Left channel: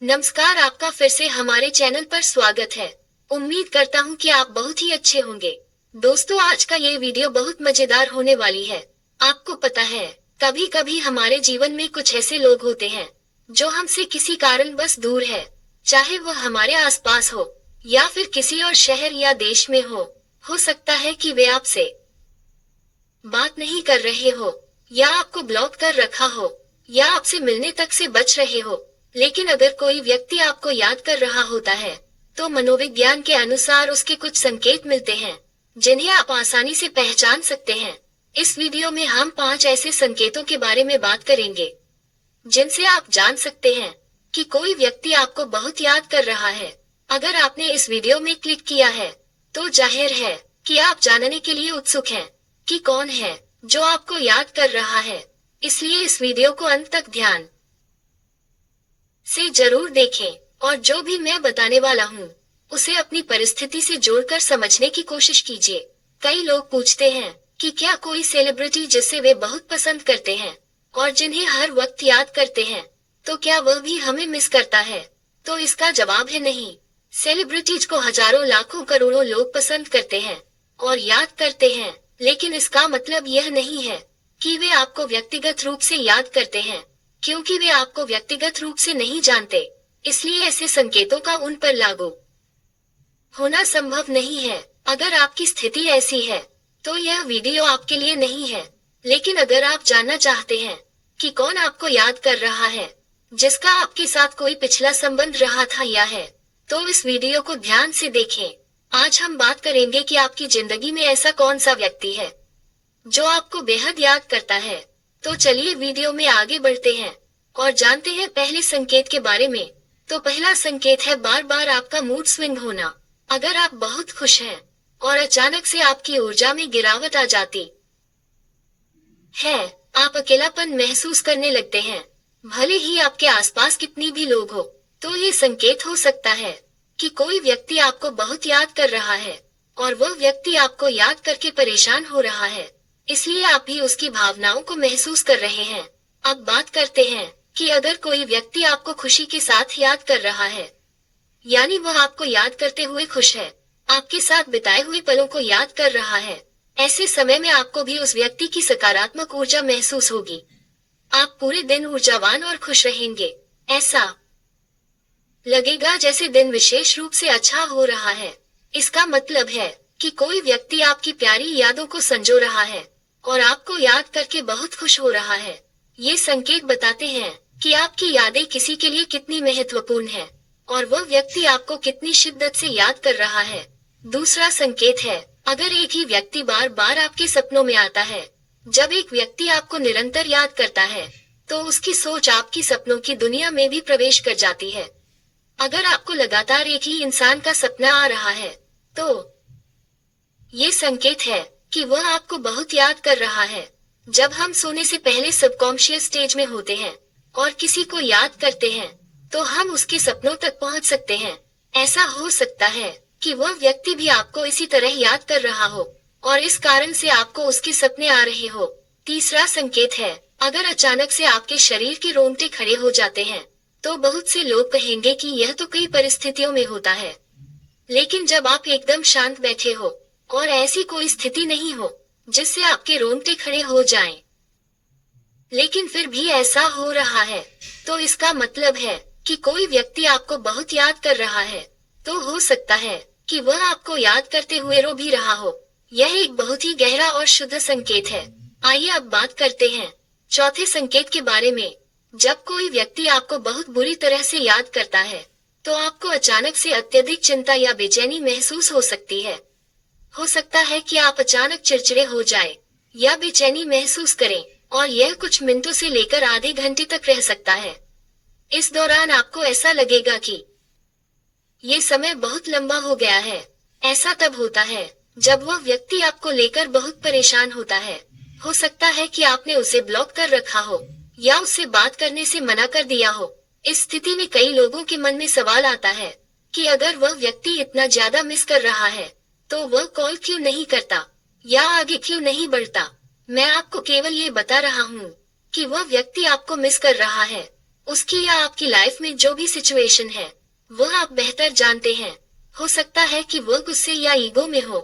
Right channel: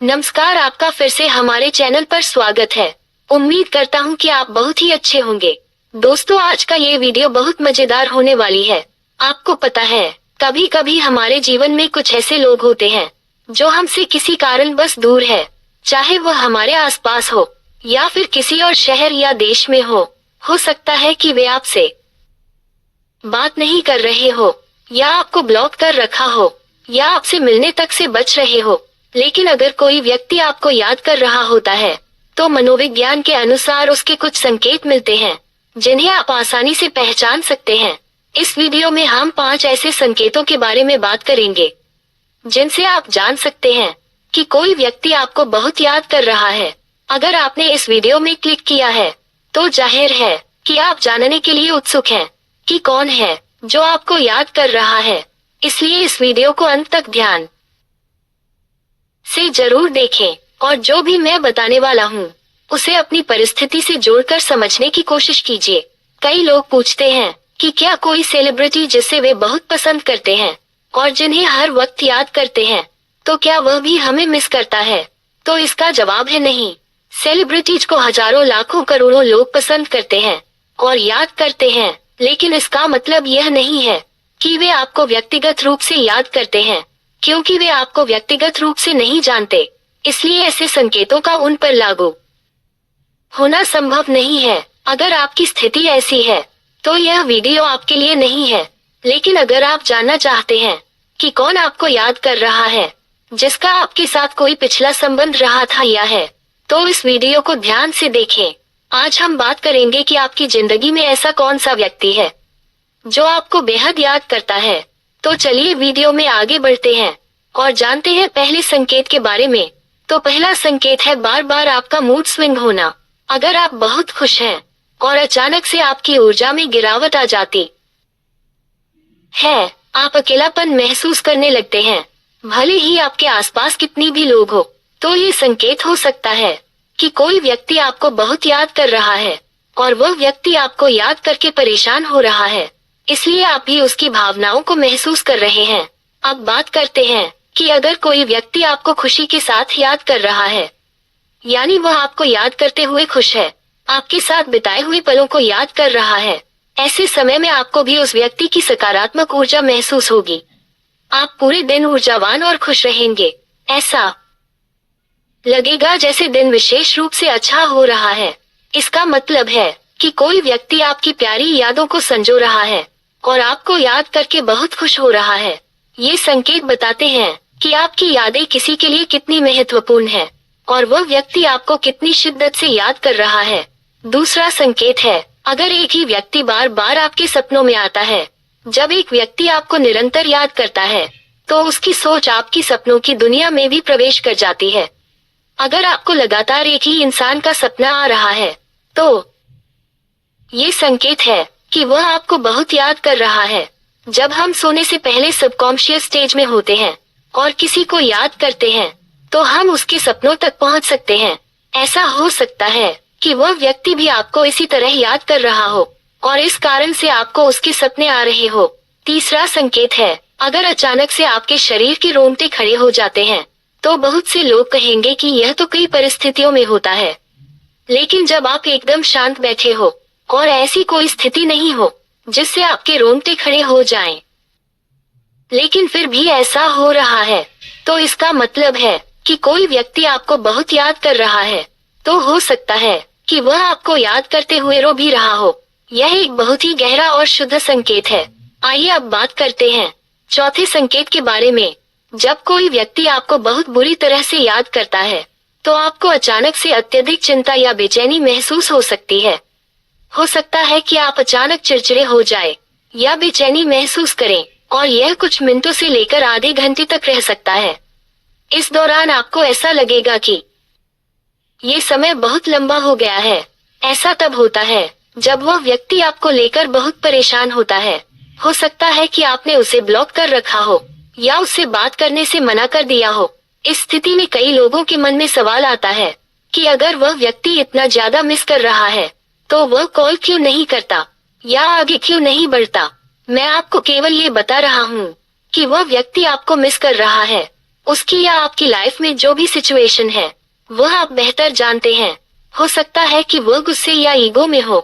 नमस्कार, आपका फिर से हमारे चैनल पर स्वागत है। उम्मीद करता हूँ कि आप बहुत ही अच्छे होंगे। दोस्तों, आज का ये वीडियो बहुत मजेदार होने वाली है। आपको पता है, कभी कभी हमारे जीवन में कुछ ऐसे लोग होते हैं जो हमसे किसी कारण बस दूर है, चाहे वह हमारे आसपास हो या फिर किसी और शहर या देश में हो। सकता है कि वे आपसे बात नहीं कर रहे हो, या आपको ब्लॉक कर रखा हो, या आपसे मिलने तक से बच रहे हो। लेकिन अगर कोई व्यक्ति आपको याद कर रहा होता है, तो मनोविज्ञान के अनुसार उसके कुछ संकेत मिलते हैं जिन्हें आप आसानी से पहचान सकते हैं। इस वीडियो में हम 5 ऐसे संकेतों के बारे में बात करेंगे जिनसे आप जान सकते हैं कि कोई व्यक्ति आपको बहुत याद कर रहा है। अगर आपने इस वीडियो में क्लिक किया है, तो जाहिर है कि आप जानने के लिए उत्सुक हैं कि कौन है जो आपको याद कर रहा है। इसलिए इस वीडियो को अंत तक ध्यान से जरूर देखें, और जो भी मैं बताने वाला हूँ उसे अपनी परिस्थिति से जोड़कर समझने की कोशिश कीजिए। कई लोग पूछते हैं कि क्या कोई सेलिब्रिटी जिसे वे बहुत पसंद करते हैं और जिन्हें हर वक्त याद करते हैं, तो क्या वह भी हमें मिस करता है? तो इसका जवाब है नहीं। सेलिब्रिटीज को हजारों लाखों करोड़ों लोग पसंद करते हैं और याद करते हैं, लेकिन इसका मतलब यह नहीं है कि वे आपको व्यक्तिगत रूप से याद करते हैं, क्योंकि वे आपको व्यक्तिगत रूप से नहीं जानते। इसलिए ऐसे संकेतों का उन पर लागू होना संभव नहीं है। अगर आपकी स्थिति ऐसी है, तो यह वीडियो आपके लिए नहीं है। लेकिन अगर आप जानना चाहते हैं कि कौन आपको याद कर रहा है, जिसका आपके साथ कोई पिछला संबंध रहा था या है, तो इस वीडियो को ध्यान से देखें। आज हम बात करेंगे कि आपकी जिंदगी में ऐसा कौन सा व्यक्ति है जो आपको बेहद याद करता है। तो चलिए वीडियो में आगे बढ़ते हैं और जानते हैं पहले संकेत के बारे में। तो पहला संकेत है बार बार आपका मूड स्विंग होना। अगर आप बहुत खुश हैं और अचानक से आपकी ऊर्जा में गिरावट आ जाती है, आप अकेलापन महसूस करने लगते हैं, भले ही आपके आसपास कितनी भी लोग हो, तो ये संकेत हो सकता है कि कोई व्यक्ति आपको बहुत याद कर रहा है और वह व्यक्ति आपको याद करके परेशान हो रहा है। इसलिए आप भी उसकी भावनाओं को महसूस कर रहे हैं। अब बात करते हैं कि अगर कोई व्यक्ति आपको खुशी के साथ याद कर रहा है, यानी वह आपको याद करते हुए खुश है, आपके साथ बिताए हुए पलों को याद कर रहा है, ऐसे समय में आपको भी उस व्यक्ति की सकारात्मक ऊर्जा महसूस होगी। आप पूरे दिन ऊर्जावान और खुश रहेंगे। ऐसा लगेगा जैसे दिन विशेष रूप से अच्छा हो रहा है। इसका मतलब है कि कोई व्यक्ति आपकी प्यारी यादों को संजो रहा है और आपको याद करके बहुत खुश हो रहा है। ये संकेत बताते हैं कि आपकी यादें किसी के लिए कितनी महत्वपूर्ण है और वह व्यक्ति आपको कितनी शिद्दत से याद कर रहा है। दूसरा संकेत है, अगर एक ही व्यक्ति बार बार आपके सपनों में आता है। जब एक व्यक्ति आपको निरंतर याद करता है, तो उसकी सोच आपकी सपनों की दुनिया में भी प्रवेश कर जाती है। अगर आपको लगातार एक ही इंसान का सपना आ रहा है, तो ये संकेत है कि वह आपको बहुत याद कर रहा है। जब हम सोने से पहले सबकॉन्शियस स्टेज में होते हैं और किसी को याद करते हैं, तो हम उसके सपनों तक पहुंच सकते हैं। ऐसा हो सकता है कि वह व्यक्ति भी आपको इसी तरह याद कर रहा हो और इस कारण से आपको उसके सपने आ रहे हो। तीसरा संकेत है, अगर अचानक से आपके शरीर के रोंगटे खड़े हो जाते हैं, तो बहुत से लोग कहेंगे कि यह तो कई परिस्थितियों में होता है। लेकिन जब आप एकदम शांत बैठे हो और ऐसी कोई स्थिति नहीं हो जिससे आपके रोंगटे खड़े हो जाएं, लेकिन फिर भी ऐसा हो रहा है, तो इसका मतलब है कि कोई व्यक्ति आपको बहुत याद कर रहा है। तो हो सकता है कि वह आपको याद करते हुए रो भी रहा हो। यह एक बहुत ही गहरा और शुद्ध संकेत है। आइए अब बात करते हैं चौथे संकेत के बारे में। जब कोई व्यक्ति आपको बहुत बुरी तरह से याद करता है, तो आपको अचानक से अत्यधिक चिंता या बेचैनी महसूस हो सकती है। हो सकता है कि आप अचानक चिड़चिड़े हो जाए या बेचैनी महसूस करें, और यह कुछ मिनटों से लेकर आधे घंटे तक रह सकता है। इस दौरान आपको ऐसा लगेगा कि ये समय बहुत लंबा हो गया है। ऐसा तब होता है जब वह व्यक्ति आपको लेकर बहुत परेशान होता है। हो सकता है कि आपने उसे ब्लॉक कर रखा हो या उससे बात करने से मना कर दिया हो। इस स्थिति में कई लोगों के मन में सवाल आता है कि अगर वह व्यक्ति इतना ज्यादा मिस कर रहा है, तो वह कॉल क्यों नहीं करता या आगे क्यों नहीं बढ़ता। मैं आपको केवल ये बता रहा हूँ कि वह व्यक्ति आपको मिस कर रहा है उसकी या आपकी लाइफ में जो भी सिचुएशन है वह आप बेहतर जानते हैं। हो सकता है कि वो गुस्से या ईगो में हो,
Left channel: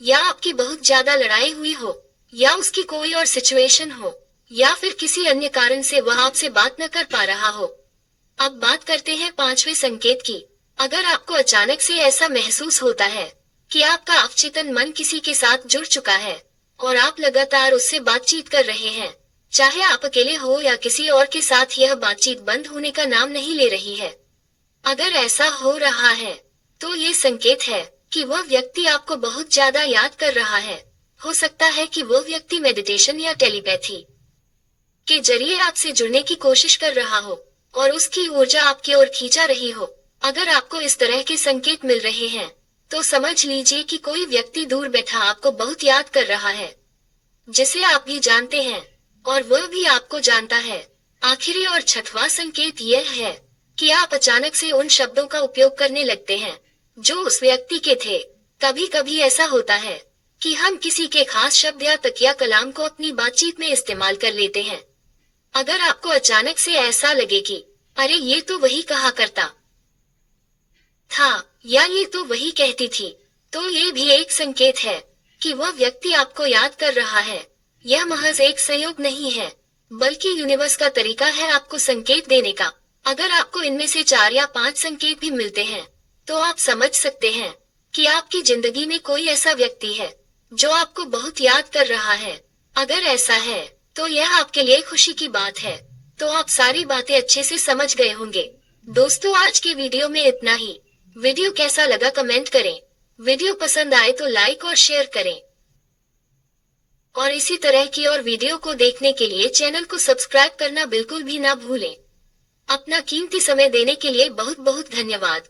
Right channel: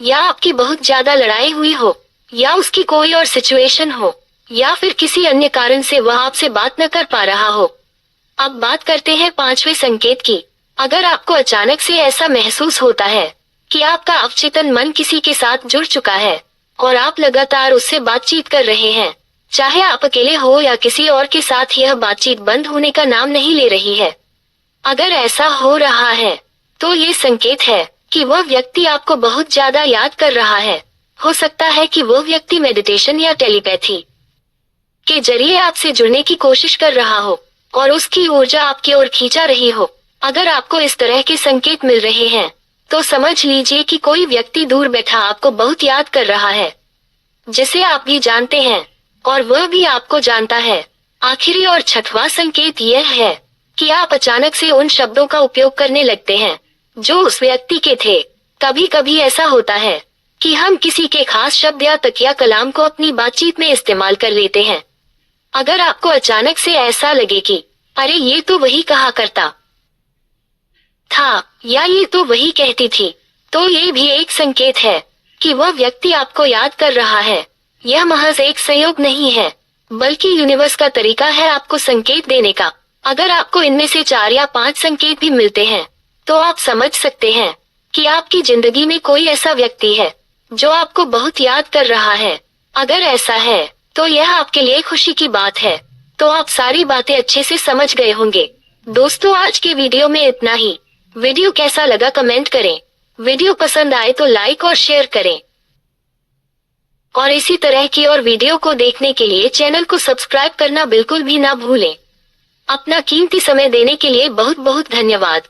या आपकी बहुत ज्यादा लड़ाई हुई हो, या उसकी कोई और सिचुएशन हो, या फिर किसी अन्य कारण से वह आपसे बात न कर पा रहा हो। अब बात करते हैं पांचवें संकेत की। अगर आपको अचानक से ऐसा महसूस होता है कि आपका अवचेतन मन किसी के साथ जुड़ चुका है और आप लगातार उससे बातचीत कर रहे हैं, चाहे आप अकेले हो या किसी और के साथ, यह बातचीत बंद होने का नाम नहीं ले रही है। अगर ऐसा हो रहा है तो ये संकेत है कि वह व्यक्ति आपको बहुत ज्यादा याद कर रहा है। हो सकता है कि वो व्यक्ति मेडिटेशन या टेलीपैथी के जरिए आपसे जुड़ने की कोशिश कर रहा हो और उसकी ऊर्जा आपकी ओर खींचा रही हो। अगर आपको इस तरह के संकेत मिल रहे हैं तो समझ लीजिए कि कोई व्यक्ति दूर बैठा आपको बहुत याद कर रहा है, जिसे आप भी जानते हैं और वह भी आपको जानता है। आखिरी और छठवां संकेत यह है कि आप अचानक से उन शब्दों का उपयोग करने लगते हैं जो उस व्यक्ति के थे। कभी कभी ऐसा होता है कि हम किसी के खास शब्द या तकिया कलाम को अपनी बातचीत में इस्तेमाल कर लेते हैं। अगर आपको अचानक से ऐसा लगे कि अरे ये तो वही कहा करता था, या ये तो वही कहती थी, तो ये भी एक संकेत है कि वह व्यक्ति आपको याद कर रहा है। यह महज एक संयोग नहीं है, बल्कि यूनिवर्स का तरीका है आपको संकेत देने का। अगर आपको इनमें से 4 या 5 संकेत भी मिलते हैं तो आप समझ सकते हैं कि आपकी जिंदगी में कोई ऐसा व्यक्ति है जो आपको बहुत याद कर रहा है। अगर ऐसा है तो यह आपके लिए खुशी की बात है। तो आप सारी बातें अच्छे से समझ गए होंगे। दोस्तों, आज के वीडियो में इतना ही। वीडियो कैसा लगा कमेंट करें। वीडियो पसंद आए तो लाइक और शेयर करें, और इसी तरह की और वीडियो को देखने के लिए चैनल को सब्सक्राइब करना बिल्कुल भी ना भूलें। अपना कीमती समय देने के लिए बहुत बहुत धन्यवाद।